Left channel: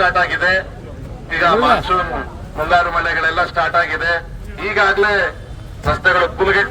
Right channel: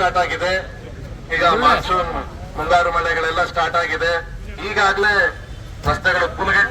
Start ಆಗಿದೆ. ಈಗ monsoon ಮುಂಗಾರು ಮಳೆಗಳೆಲ್ಲ ಸ್ಟಾರ್ಟ್ ಆಗಿದೆ. ಈಗಾಗಲೇ ರಸ್ತೆಗಳು ಫುಲ್ಗೆ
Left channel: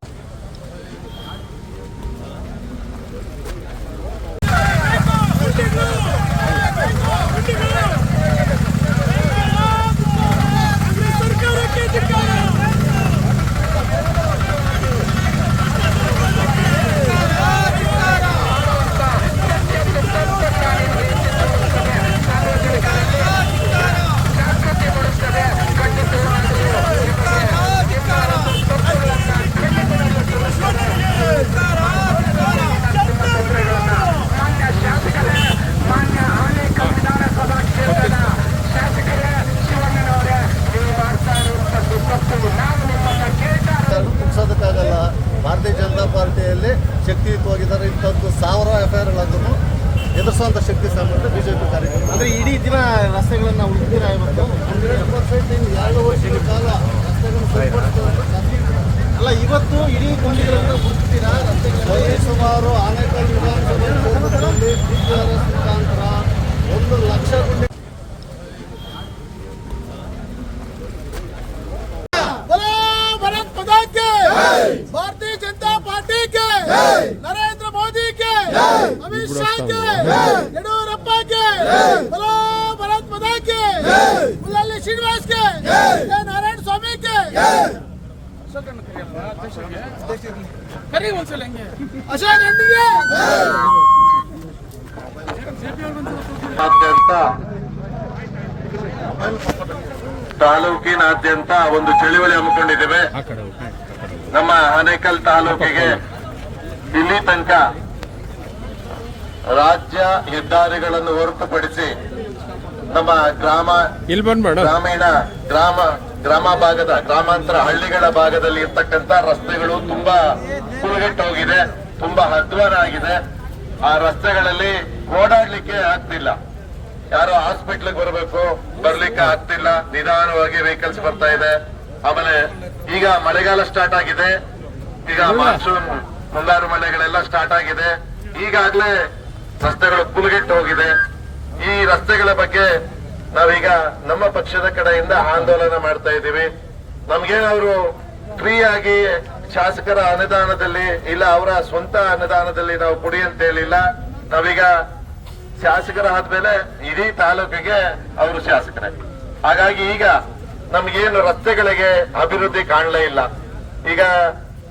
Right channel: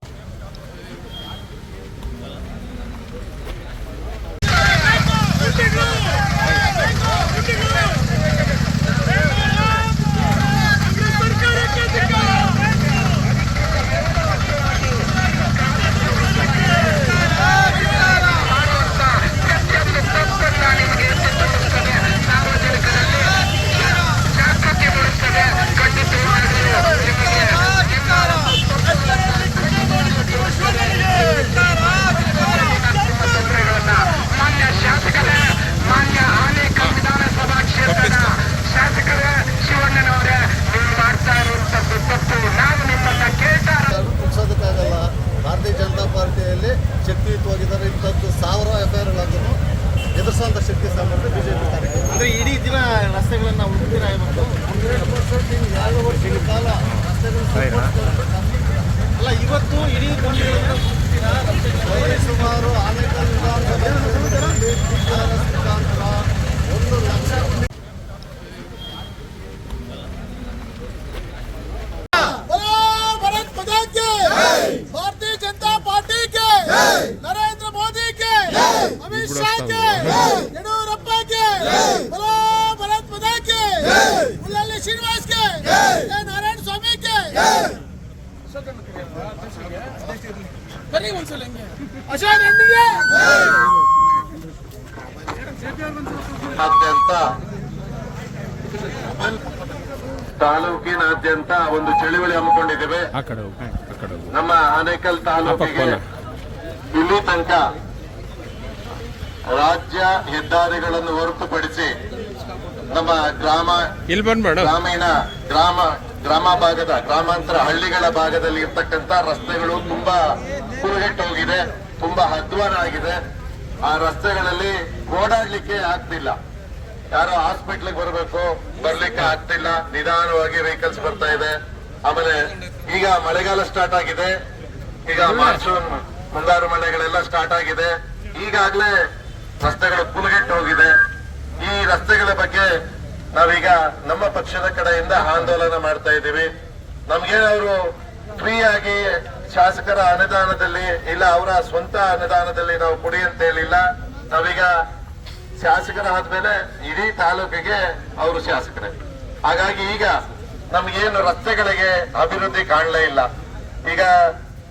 ಭಾರತೀಯ ಜನತಾ ಪಾರ್ಟಿಯಲ್ಲಿ ಶಕ್ತಿಯುತವಾಗಿದ್ದಾರೆ. ಇಂಥದ್ದು 1000 ಎಫ್ಐಆರ್ಗಳನ್ನು ಎದುರಿಸುವಂಥ ಶಕ್ತಿ ಸಂಬಂಧ ಬಿಜೆಪಿ ಕಾರ್ಯಕರ್ತರು. ಅಂದರೆ ಇಡೀ ದಿನ ರಸ್ತೆಗಳನ್ನು ಹುಡುಕಿರ ಇವತ್ತು 2 ವರ್ಷದ ಕಾಲ ಅಲ್ಲ, ಇವತ್ತು ಇಡೀ ಕೊಂಡಿಗಳನ್ನು ಹುಡುಕ್ತೀರಾ ರಸ್ತೆಗಳಲ್ಲಿ? ಸುಮಾರು ಆನೇಕಲ್ ವಿಧಾನಸಭಾ ಕ್ಷೇತ್ರದಲ್ಲಿ PRS ಮುಖಾಂತರ 1 ಲಕ್ಷ भारतीय जनता पार्टी के नरेंद्र मोदी के अमित शाह के येडियूरप्पा के बोलो भारत माता के मुल्लाली श्रीनिवास के नारायण स्वामी के अशोक अंडिगे ತಾಲೂಕಿನಾದ್ಯಂತ ಒಂದು ಚಳುವಳಿ ಹಮ್ಮಿಕೊಂಡಿದ್ದೇವೆ. ನಮ್ಮ ಆನೇಕಲ್ ತಾಲೂಕಿಗೆ ಇಲ್ಲಿ ತನಕ ರಾಜ್ಯ ಹೆದ್ದಾರಿಗಳನ್ನು ಹೊರತುಪಡಿಸಿ ನಮ್ಮ ಗ್ರಾಮ ಭಾಗದ ಗ್ರಾಮಾಂತರ ಹಳ್ಳಿಗಳ ಭಾಗದಲ್ಲಿ ಇರ್ತಕ್ಕಂಥ ರಸ್ತೆಗಳು ತುಂಬಾ ಕುರುಗೆಟ್ಟು ಹೋಗಿದೆ, ತುಂಬಾ ಅಧ್ವಾನ ಆಗಿದೆ. ಆ ರಸ್ತೆಗಳಲ್ಲಿ ಓಡಾಡ್ಲಿಕ್ಕೆ ಆಗ್ತಿಲ್ಲ. ಯಾರೋ ಹಾಸ್ಪಿಟ್ಲಿಗೆ ಬರಬೇಕು, ಬರ್ಲಿಕ್ಕೆ ಆಗ್ತಿಲ್ಲ. ನಿಧಾನವಾಗಿ ವೆಹಿಕಲ್ಸ್ ಬರ್ತಾ ಇದೆ. ಆಮೇಲೆ ಈಗ ಮಳೆಗಾಲ ಸ್ಟಾರ್ಟ್ ಆಗಿದೆ. ಈಗ ಮಾನ್ಸೂನ್ ಮುಂಗಾರು ಮಳೆಗಳೆಲ್ಲ ಸ್ಟಾರ್ಟ್ ಆಗಿದೆ. ಈಗಾಗಲೇ ರಸ್ತೆಗಳು ಫುಲ್ಗೆಟ್ಟು ಹೋಗಿದೆ. ಈ ರಸ್ತೆಗಳ ಬಗ್ಗೆ ನಾವೀಗ ನಮ್ಮ ಪಕ್ಷದ ಕಡೆಯಿಂದ ಆಂದೋಲನ ಮಾಡ್ತಾ ಇದ್ದೀವಿ. ನಮ್ಗೇನವರು ಫ್ರೀ ಆಗಿ ಶಾಸಕರ ಅನುದಾನದಲ್ಲಿ ಇಲ್ಲ ಅವರ ಸ್ವಂತ ಅನುದಾನದಲ್ಲಿ ನಾವು ಕೊಡಿ ಅಂತ ಹೇಳಿಲ್ಲ. ನಾವೀಗ ಶಾಸಕರ ಆದ್ಮೇಲೆ ಇಡೀ ತಾಲೂಕಿಗೆ ಅವರು ಶಾಸಕರೇ. ಹಾಗಾಗಿ ಈಗ ನಮ್ಗೇನು ರಸ್ತೆಗಳಿಗೆ ಅಭಿವೃದ್ಧಿ ಕಾಣಲೇ ಇಲ್ಲ. ಈಗ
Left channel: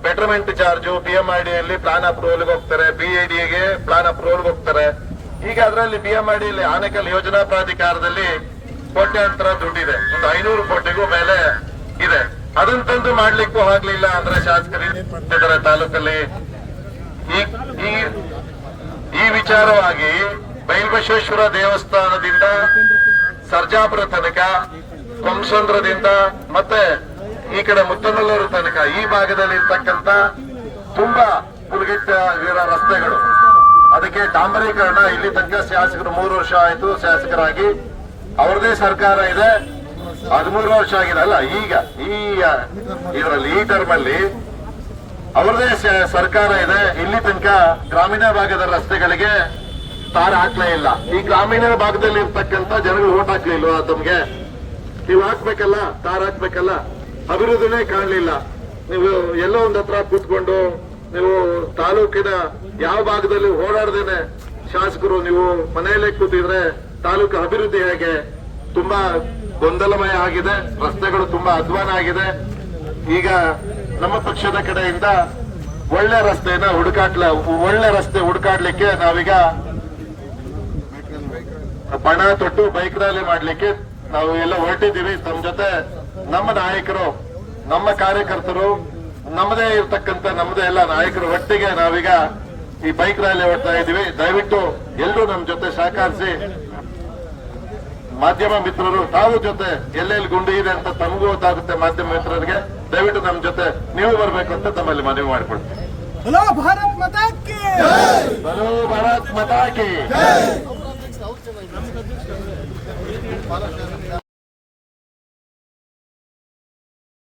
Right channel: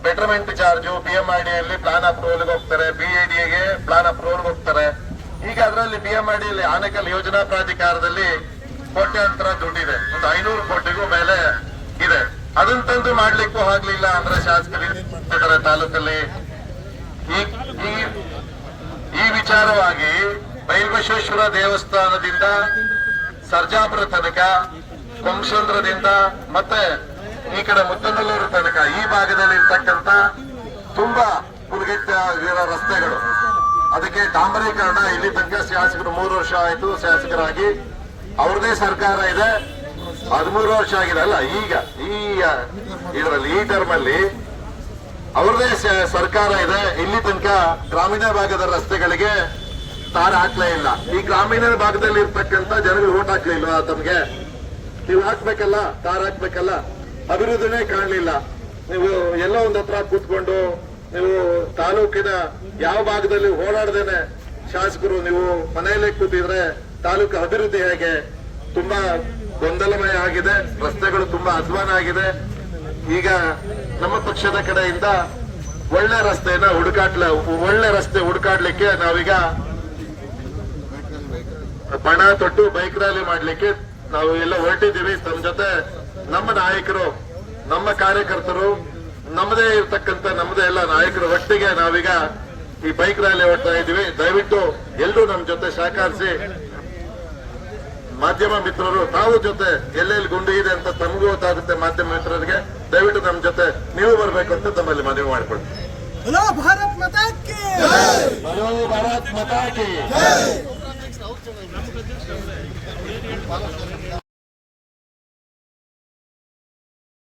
ಬೆಟರ್ಮೆಂಟ್ ಚಾರ್ಜು BMRDಯಲ್ಲಿ ಪ್ಲಾನ್ ಅಪ್ರೂವಲ್ಗೆ ಹೋಗ್ತಾರೆ, BIDಗೆ ಪ್ಲಾನ್ ಅಪ್ರೂವಲ್ಗೆ ಹೋಗ್ತಾರೆ. ಈಗ ಅದರಲ್ಲಿ BMRDಯಲ್ಲಿ ಆನೇಕಲ್ ಯೋಜನಾ ಪ್ರಾಧಿಕಾರದಲ್ಲಿ ಕೋಟ್ಯಾಂತರ ದುಡ್ಡಿದೆ, ಒಂದು 500 ಕೋಟಿಗೂ ಮೇಲೆ ಇದೆ. ಅದನ್ನ ತಂದು ಮಾಡ್ಲಿಕ್ಕೂ ಆಗ್ಲಿಲ್ಲ ಅಂದ್ರೆ ಶಾಸಕರು ಏನ್ ಮಾಡ್ತಿದ್ದಾರೆ ತಾಲೂಕಲ್ಲಿ. ಈ ವಿಚಾರವಾಗಿ ಬೈಲ್ಬಸವೇಶ್ವರ ದೇವಸ್ಥಾನದಿಂದ ಸರ್ಜಾಪುರ ತನಕ, ಕೊಂಸಂದ್ರದಿಂದ ಮತ್ತೆ ಈ ಕಡೆ ಮುತ್ತನಲ್ಲೂರು ತನಕ ಈ ಭಾಗದಲ್ಲಿ ಇರ್ತಕ್ಕಂಥ ತುಂಬಾ ಕುಲಗೆಟ್ಟಿರೋ ರಸ್ತೆಗಳು, ಅದಕ್ಕೆ ಡಾಂಬರೀಕರಣ ಇಲ್ಲಿ ತನಕ ಶಾಸಕರು 3 ವರ್ಷ ಆಯ್ತು ಶಾಸಕರಾಗಿ. ಅವ್ರದೇ ಸರ್ಕಾರ ಇದೆ, 13 ವರ್ಷ ಆಗಿದೆ ಅಲ್ಲ. ಈಗ ಇದರಲ್ಲಿ ಈ ಟರ್ಮ್ ಅಲ್ಲಿ ಅವ್ರದೇ ಸರ್ಕಾರ ಇದೆ. ಇಲ್ಲಿ ತನಕ ಗ್ರಾಮೀಣ ಭಾಗದ ರಸ್ತೆಗಳಿಗೆ ತಾರ ಹಾಕ್ಲೇ ಇಲ್ಲ. ಈ ಗ್ರಾಮೀಣ ಭಾಗದಲ್ಲಿ ಇರ್ತಕ್ಕಂಥ ಜನಗಳು ಓಟ್ ಹಾಕ್ಲಿಲ್ವಾ ತಮ್ಗೆ? ನೀವು ಹಾಕ್ಬೇಕಲ್ಲ, ತಾರ ಹಾಕ್ಬೇಕಲ್ಲ. ಅಭಿವೃದ್ಧಿನೇ ಕಾಣಲಿಲ್ಲ. ನೀವು ಎಲ್ಲೋ ಒಂದ್ ಹತ್ರ ಕೂತ್ಕೊಂಡು ನೀವು ತಾಲೂಕಿನ ಯಾವ ಭಾಗದಲ್ಲಿ ಓಡಾಡದೇನೆ ಶಾಸಕರು ನೀವು ಮನೆಯಲ್ಲೇ ಕೂತಿದ್ರೆ ತಾಲೂಕು ಅಭಿವೃದ್ಧಿ ಹೇಗೆ? ತುಂಬಾ ಗೊಂದಲಮಯ ಆಗಿದೆ, ರಸ್ತೆಗಳು ತುಂಬಾ ಅಧ್ವಾನ ಆಗಿದೆ. ಈಗ ನಮ್ಮ ಪಕ್ಷದ ಕಡೆಯಿಂದ ಒಳ್ಳೆ ರಸ್ತೆ ಹುಡುಕಾಡ್ಲಿಕ್ಕೆ ನಾವೀಗ ಬಣ ತೊಟ್ಟು ಬೈಕ್ ರ್ಯಾಲಿ ಮಾಡ್ಲಿಕ್ಕೆ ನಾವು ಎಲ್ಲ ಹೊರಟಿದ್ದೀವಿ. ತಮ್ಮ ಜೊತೆ ನಮ್ಮ ನಾಯಕರು, ನಮ್ಮ ಕಾರ್ಯಕರ್ತರು, ನಮ್ಮದೇ ಇರ್ತಕ್ಕಂಥ ನಮ್ಮದೇ ಎಲ್ಲ ನಾಯಕರು ಒಟ್ಟಿಗೆ ನಾವೀಗ ಈ ಬೈಕ್ ರ್ಯಾಲಿ ಹೊರಡ್ತಾ ಇದ್ದೀವಿ. ದಯವಿಟ್ಟು ಎಲ್ಲರೂ ನಮ್ಮ ಜೊತೆ ಸಹಕರಿಸಿ. ಮಾಧ್ಯಮ ಮಿತ್ರರು ತಾವು ಜೊತೆ ಎಲ್ಲೆಲ್ಲಿ ಗುಂಡಿ ಇದೆ ಅಂತ ತಮಗೂ ಗೊತ್ತಾಗುತ್ತೆ. ಮಾಧ್ಯಮ ಮಿತ್ರರಿಗೆ ದಯವಿಟ್ಟು ನಮ್ಮ ಜೊತೆ